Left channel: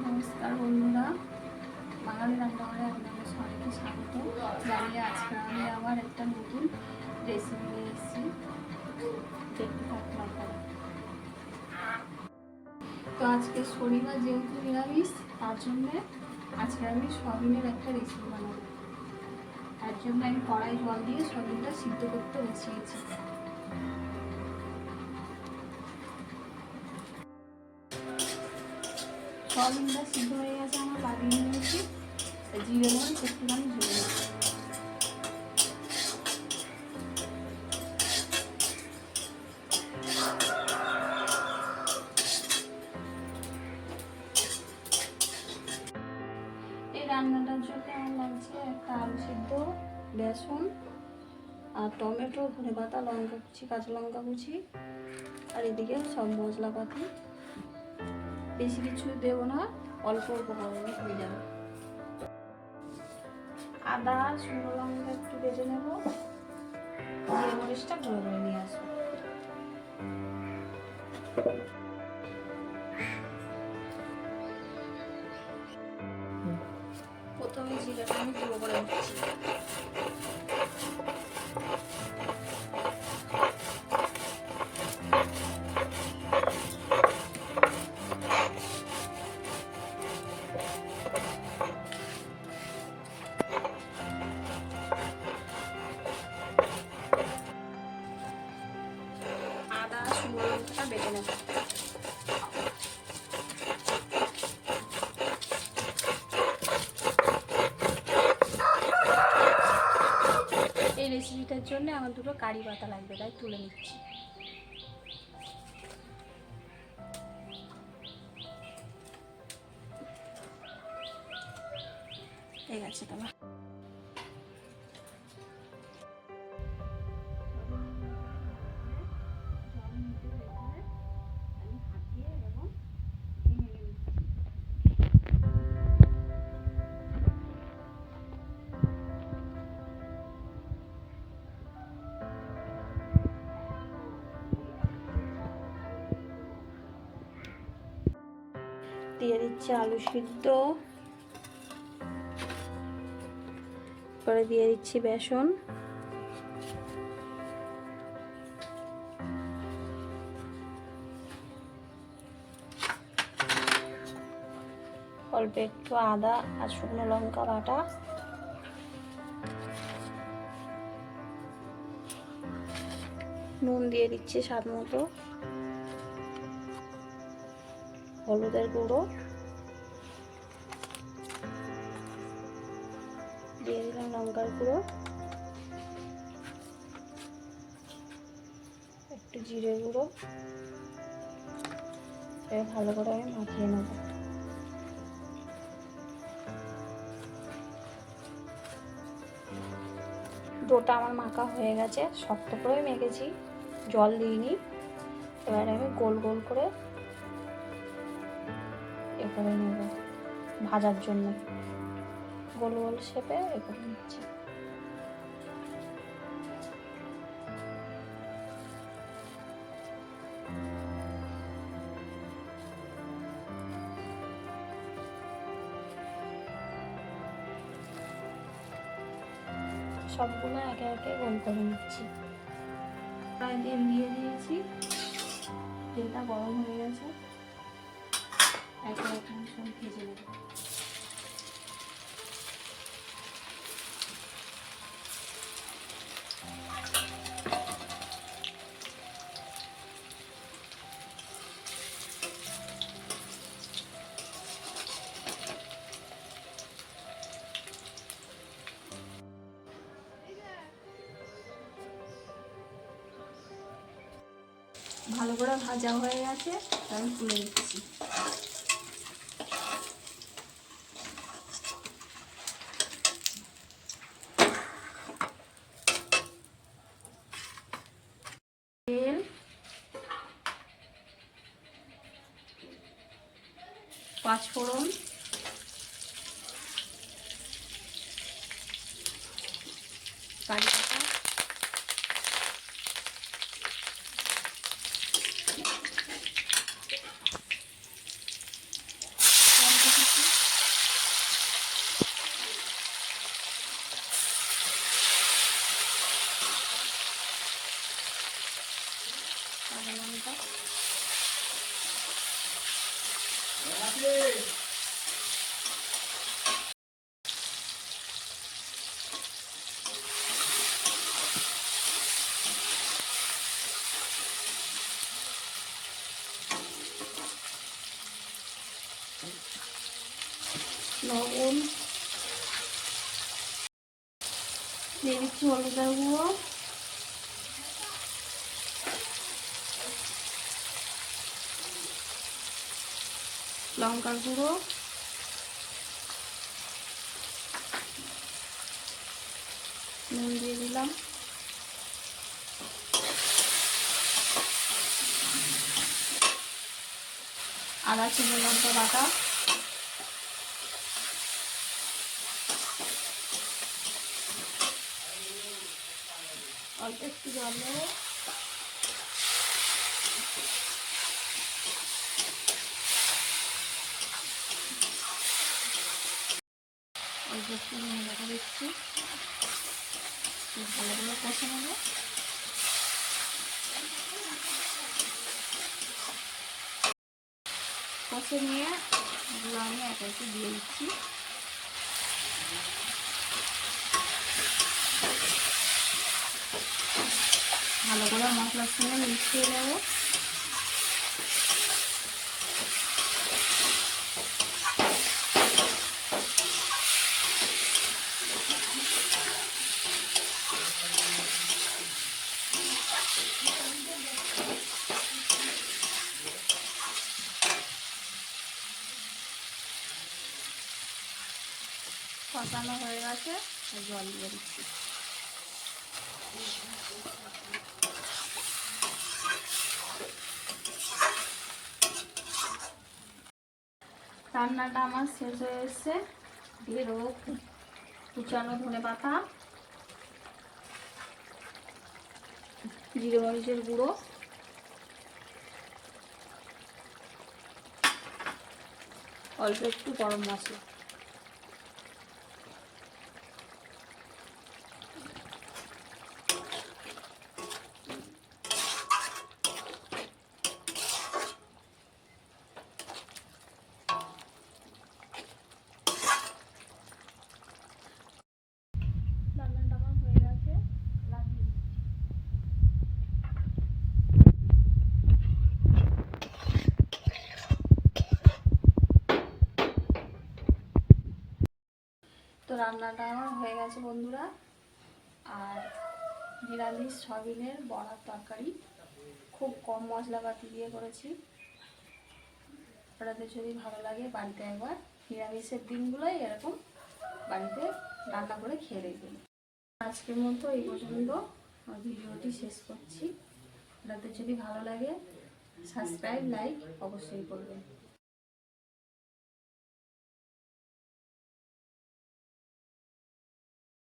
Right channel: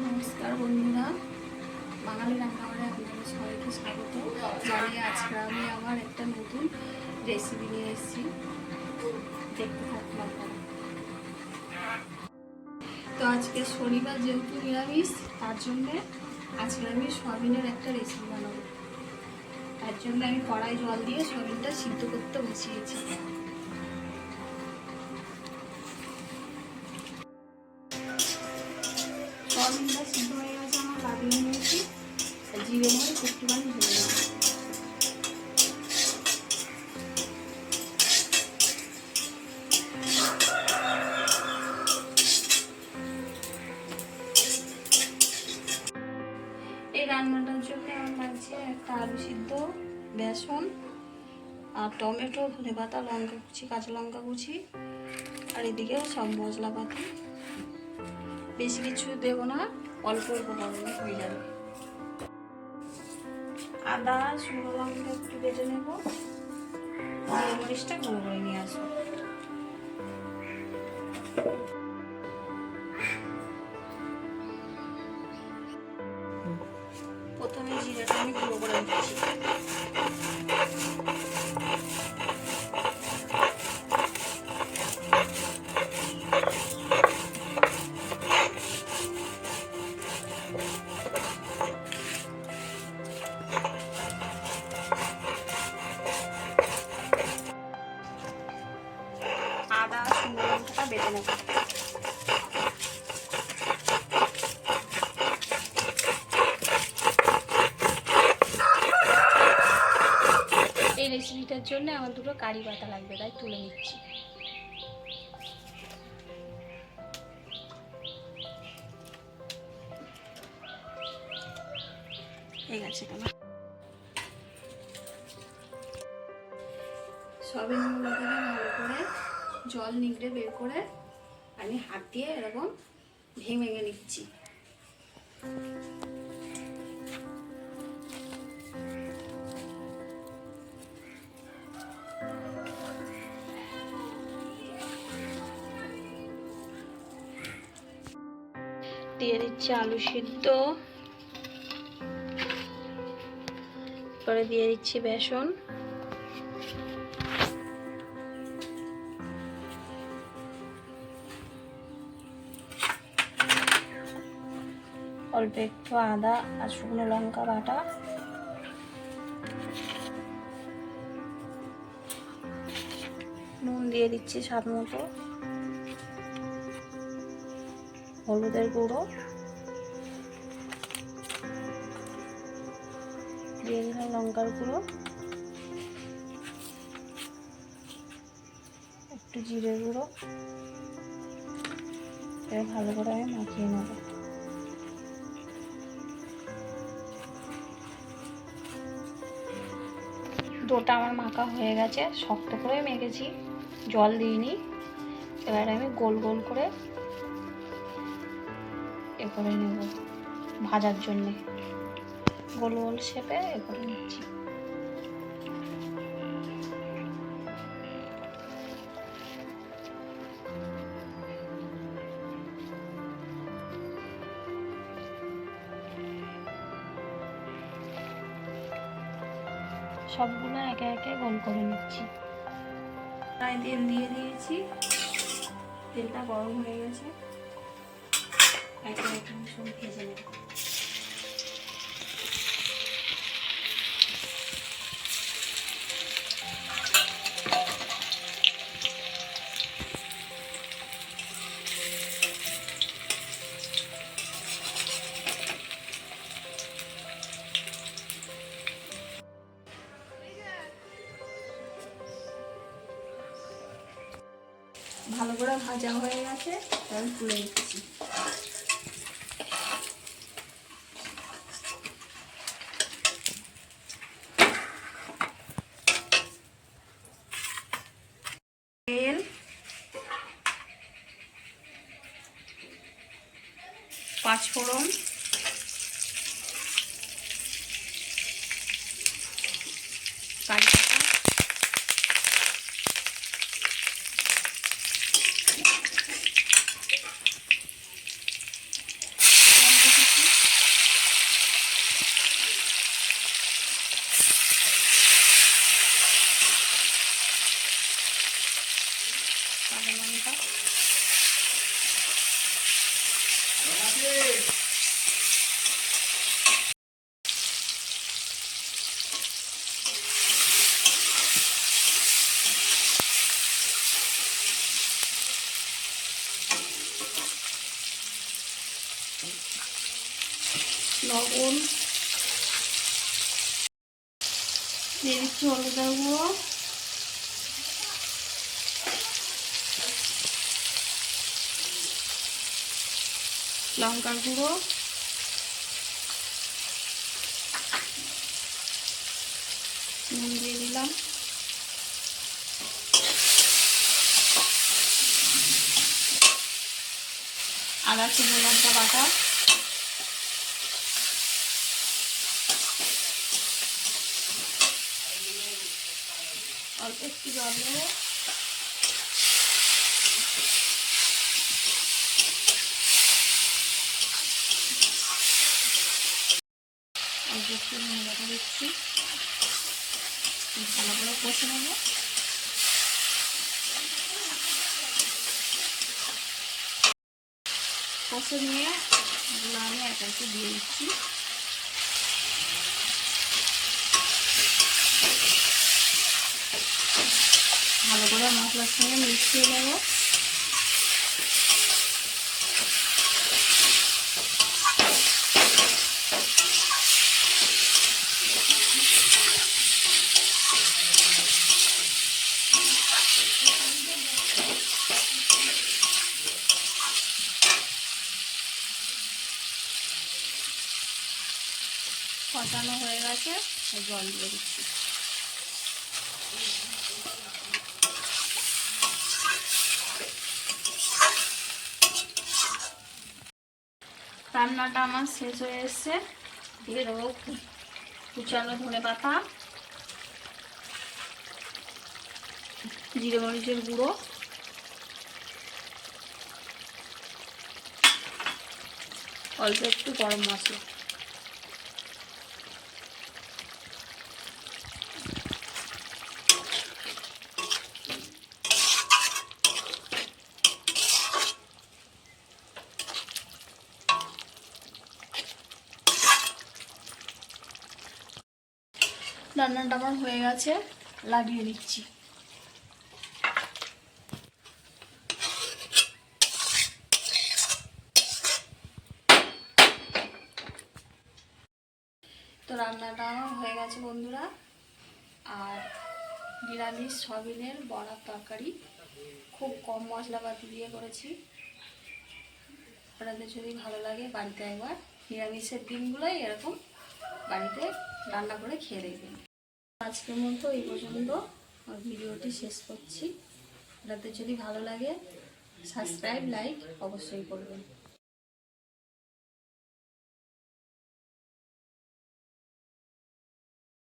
নমস্কার বন্ধুরা, বাঙালি রান্নাঘরে আপনাদের সবাইকে স্বাগত জানিয়ে আজকে আমি আবার একটা নতুন রেসিপি নিয়ে এসেছি। দেখতে থাকুন আপনারা। তো আজকে শনিবার যেহেতু নিরামিষ, তার জন্যে আজকে আমি সয়াবিনের একটা রেসিপি বানাবো। তার জন্য আমি কড়াই জল দিয়ে সয়াবিনটা সিদ্ধ করতে বসিয়েছি। সয়াবিনটা সিদ্ধ হয়ে গেছে, আমার লাগিয়ে নিয়েছি। জিরে মরিচ একটুখানি ভেজে নেব। এই রান্নাটার জন্য আমার লাগছে একটা আলু সিদ্ধ, বেসন আর টমেটো, ধনেপাতা, লঙ্কা কুচি, কাঁচা লঙ্কা কুচি, আর এদিকে সব মশলাপাতি। বেশি কিছু দেবো না, অল্প অল্প করে হয়ে যাবে। আদা, শুকনো লঙ্কা একটু বেটে নেব, জিরে মরিচটা গুঁড়ো করে নিয়ে আসবো। প্রথমে জিরাটা আমি গুঁড়ো করে নিচ্ছি। আদা, শুকনো লঙ্কাটা বেটে নেব। এই রেসিপিটার জন্য আমার দুটো কারি পাতা লাগবে, তাই তুলে নিচ্ছি। ঠিক আছে, কেন সয়াবিনগুলোকে ভালো করে জল নিগড়ে বের করে আমি হাত দিয়ে এরকম ভেঙে ভেঙে নিচ্ছি। দিয়ে দিচ্ছি আলু সিদ্ধ, পরে দিয়ে দিচ্ছি বেসন, অল্প একটু আদা আর শুকনো লঙ্কা বাটা, নুন দিয়ে দিচ্ছি স্বাদ মতো, হলুদের গুঁড়ো দিয়ে দিলাম, লঙ্কার গুঁড়ো, একটু জিরে গুঁড়ো, ভালো করে আমি মাখিয়ে নেব। ডোটা আমার মাখা হয়ে গেছে, শক্ত করে মেখেছি, জল দিইনি। এবার আমি গোল গোল করে এ করে নেব ভাজার জন্য, গোল গোল শেপে এ করে নিচ্ছি। সবগুলো একে একে গোল করে নিচ্ছি। প্রায় তেল দিয়ে দিয়েছি, তেলটা গরম হয়ে গেছে, একে একে সব ভেজে নেব। ভালো করে ভাজা হয়ে গেছে, তাহলে তুলে দিচ্ছি। তেল, পাঁচফোড়ন, কারি পাতা, লবণ দিয়ে দিচ্ছি, হলুদের গুঁড়ো, লঙ্কার গুঁড়ো, নুন দিয়ে দিলাম, আদা শুকনো লঙ্কা বাটা, অল্প একটু জল দেবো, অল্প একটু ধনে বাটা দিচ্ছি, ভালো করে কষে নেবো। কষে নিয়ে এগুলো আমি একা একটু দিয়ে দিচ্ছি। ভালো করে মশলার সঙ্গে মিশিয়ে নেব। কষানো হয়ে গেছে, জল দিয়ে দিচ্ছি। রান্নাটা আমার শেষ হয়ে এসছে। দিয়ে দেবো কুচানো ধনে পাতা, জিরে মরিচের গুঁড়ো, অল্প একটু গরম মশলা। রান্নাটা আমার হয়ে গেছে, লাগিয়ে দিচ্ছি। তো রান্নাটা আমার হয়ে গেছে বন্ধুরা। আর নিরামিষ সয়াবিনের বড়ার তরকারি, খুব কম মশলাপাতি দিয়ে করেছি। আপনাদের যদি ভালো লাগে বাড়িতে একবার নিরামিষের দিনগুলোই এরকম বাড়িতে রান্না করে খেয়ে দেখবেন। আজকের মতো এই পর্যন্ত ভিডিওটি শেষ করছি। আপনাদের যদি ভালো লাগে সাবস্ক্রাইব লাইক অবশ্যই করবেন।